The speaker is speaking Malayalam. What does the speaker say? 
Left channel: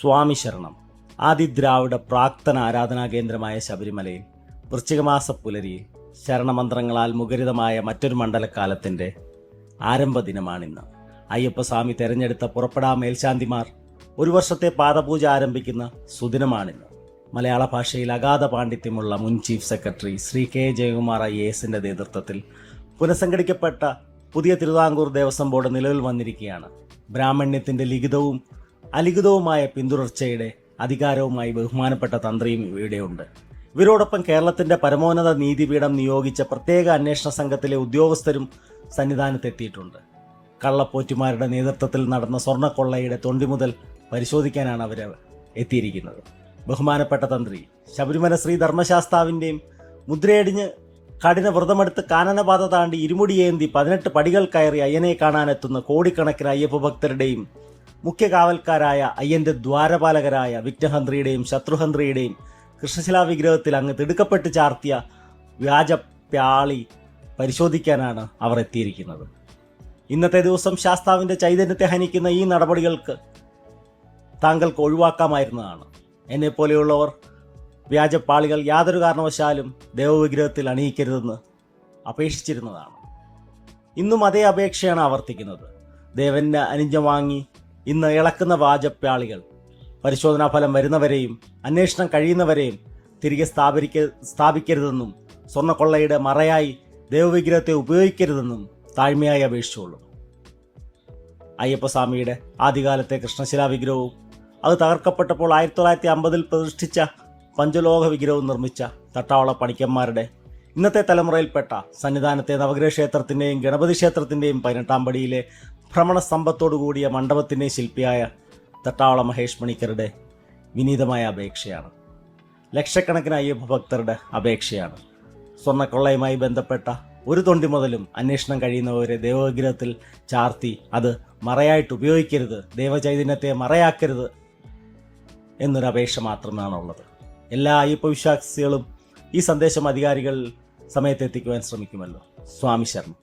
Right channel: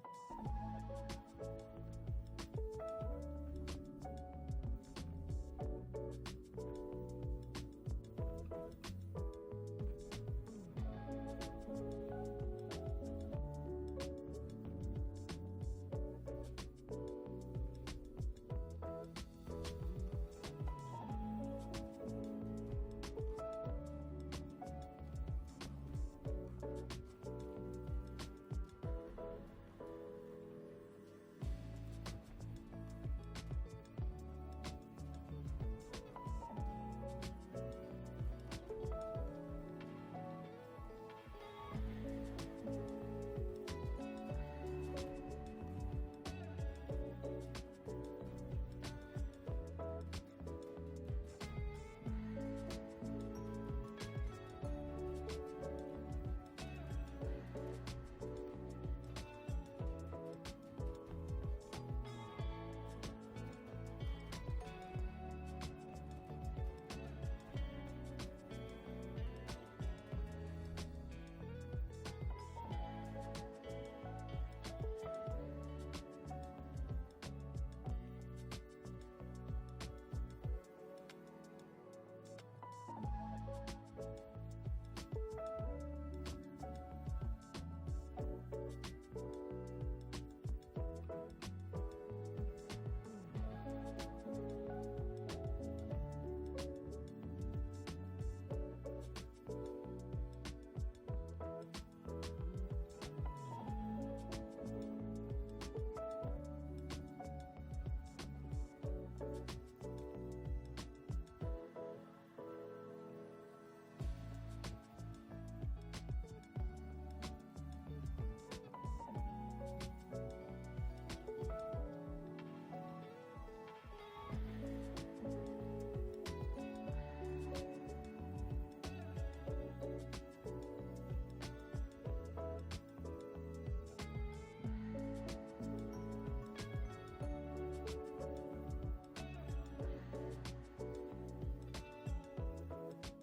സ്വാമി ശരണം. ആദിദ്രാവിഡ പ്രാക്തന ആരാധനാ കേന്ദ്രമായ ശബരിമലയിൽ വൃശ്ചികമാസ പുലരിയിൽ ശരണമന്ത്രങ്ങളാൽ മുഖരിതമായ മറ്റൊരു മണ്ഡലക്കാലത്തിൻ്റെ ആരംഭ ദിനമാണിന്ന്. അയ്യപ്പസ്വാമി തെരഞ്ഞെടുത്ത പുറപ്പെടാ മേൽശാന്തിമാർ ഒരു വർഷത്തെ പാദപൂജ ആരംഭിക്കുന്ന സുദിനമാണിന്ന്. മലയാള ഭാഷയിൽ അഗാധ പാണ്ഡിത്യമുള്ള മുൻ ചീഫ് സെക്രട്ടറി ശ്രീ കെ ജയകുമാർ IASന്റെ നേതൃത്വത്തിൽ പുനഃസംഘടിക്കപ്പെട്ട പുതിയ തിരുവിതാംകൂർ ദേവസ്വം ബോർഡ് നിലവിൽ വന്നിരിക്കുകയാണ്. ബ്രാഹ്മണ്യത്തിൻ്റെ ലിഖിതവും അലിഖിതവുമായ പിന്തുടർച്ചയുടെ അധികാരവുമായി ബഹുമാനപ്പെട്ട തന്ത്രിയും ഇവിടെയുണ്ട്. ഇവരോടൊപ്പം കേരളത്തിൻ്റെ പരമോന്നത നീതിപീഠം നിയോഗിച്ച പ്രത്യേക അന്വേഷണ സംഘത്തിലെ ഉദ്യോഗസ്ഥരും സന്നിധാനത്തെത്തിയിട്ടുണ്ട്. കള്ളപ്പോറ്റുമാരുടെ നേതൃത്വത്തിൽ നടന്ന സ്വർണ്ണക്കൊള്ളയുടെ തൊണ്ടി മുതൽ പരിശോധിക്കാനാണ് അവർ എത്തിയിരിക്കുന്നത്. ബഹുമാനപ്പെട്ട തന്ത്രി ശബരിമല ശ്രീ ധർമ്മശാസ്താവിൻ്റെയും മുദ്രയടിഞ്ഞ് കഠിന വ്രതമെടുത്ത് കാനനപാത താണ്ടി ഇരുമുടിയേന്തി 18 പടികൾ കയറി അയ്യനെ കാണാനെത്തുന്ന കോടിക്കണക്കിന് അയ്യപ്പ ഭക്തരുടെയും മുഖ്യ കാവൽക്കാരായ അയ്യൻ്റെ ദ്വാരപാലകരായ വിഘ്നഹന്ത്രിയുടെയും ശത്രുഹന്ത്രിയുടെയും കൃഷ്ണശിലാ വിഗ്രഹത്തിൽ അങ്ങ് തിടുക്കപ്പെട്ട് ചാർത്തിയ വ്യാജ പ്യാളി പരിശോധിക്കാനാണ് അവർ എത്തിയിരിക്കുന്നത്. ഇന്നത്തെ ദിവസം ശാസ്താവിൻ്റെ ചൈതന്യത്തെ ഹനിക്കുന്ന ഈ നടപടികൾക്ക് താങ്കൾക്ക് ഒഴിവാക്കാമായിരുന്നതാണ്. എന്നെപ്പോലെയുള്ളവർ വ്യാജപ്പാളികൾ യാതൊരു കാരണവശാലും ദേവവിഗ്രഹത്തിൽ അണിയിക്കരുതെന്ന് അപേക്ഷിച്ചിരുന്നതാണ്. ഇന്നും അതേ അപേക്ഷയാണ് ആവർത്തിക്കുന്നത്. ദേവൻ്റെ അനുജ്ഞ വാങ്ങി ഇന്ന് ഇളക്കുന്ന വ്യാജപ്പാളികൾ പരിശോധനാ ഫലം വരുന്നവരെയും അന്വേഷണം കഴിയുന്നവരെയും തിരികെ സ്ഥാപിക്കരുതെന്നും സ്വർണ്ണക്കൊള്ളയുടെ മറയായി ദേവവിഗ്രഹത്തെ ഉപയോഗിക്കരുതെന്നും താഴ്മയായി അപേക്ഷിച്ചുള്ളൂ. അയ്യപ്പസ്വാമിയുടെ ആദ്യകാലത്തെ കൃഷ്ണശിലാ വിഗ്രഹവും അത് തകർക്കപ്പെട്ടപ്പോൾ 1950 പ്രതിഷ്ഠിച്ച പഞ്ചലോഹ വിഗ്രഹവും നിർമ്മിച്ച തട്ടാവള പണിക്കന്മാരുടെ ഇന്നത്തെ തലമുറയിൽപ്പെട്ട സന്നിധാനത്തെ നവഗ്രഹ ക്ഷേത്രത്തിൻ്റെയും ഗണപതി ക്ഷേത്രത്തിൻ്റെയും 18-ാം പടിയിലെ ഭ്രമണ സ്തംഭത്തോടുകൂടിയ മണ്ഡപത്തിൻ്റെയും ശില്പിയായ തട്ടാവള മഹേഷ് മണിക്കരുടെ വിനീതമായ അപേക്ഷയാണ്. ലക്ഷക്കണക്കിന് അയ്യപ്പ ഭക്തരുടെ അപേക്ഷയാണ്. സ്വർണ്ണക്കൊള്ളയുമായി ബന്ധപ്പെട്ട ഒരു തൊണ്ടി മുതലും അന്വേഷണം കഴിയുന്നവരെ ദേവവിഗ്രഹത്തിൽ ചാർത്തി അത് മറയായിട്ട് ഉപയോഗിക്കരുത്, ദേവചൈതന്യത്തെ മറയാക്കരുത് എന്നൊരു അപേക്ഷ മാത്രമാണുള്ളത്. എല്ലാ അയ്യപ്പ വിശ്വാസികളും ഈ സന്ദേശം അധികാരികൾ സമയത്തെത്തിക്കുവാൻ ശ്രമിക്കുമല്ലോ. സ്വാമി ശരണം.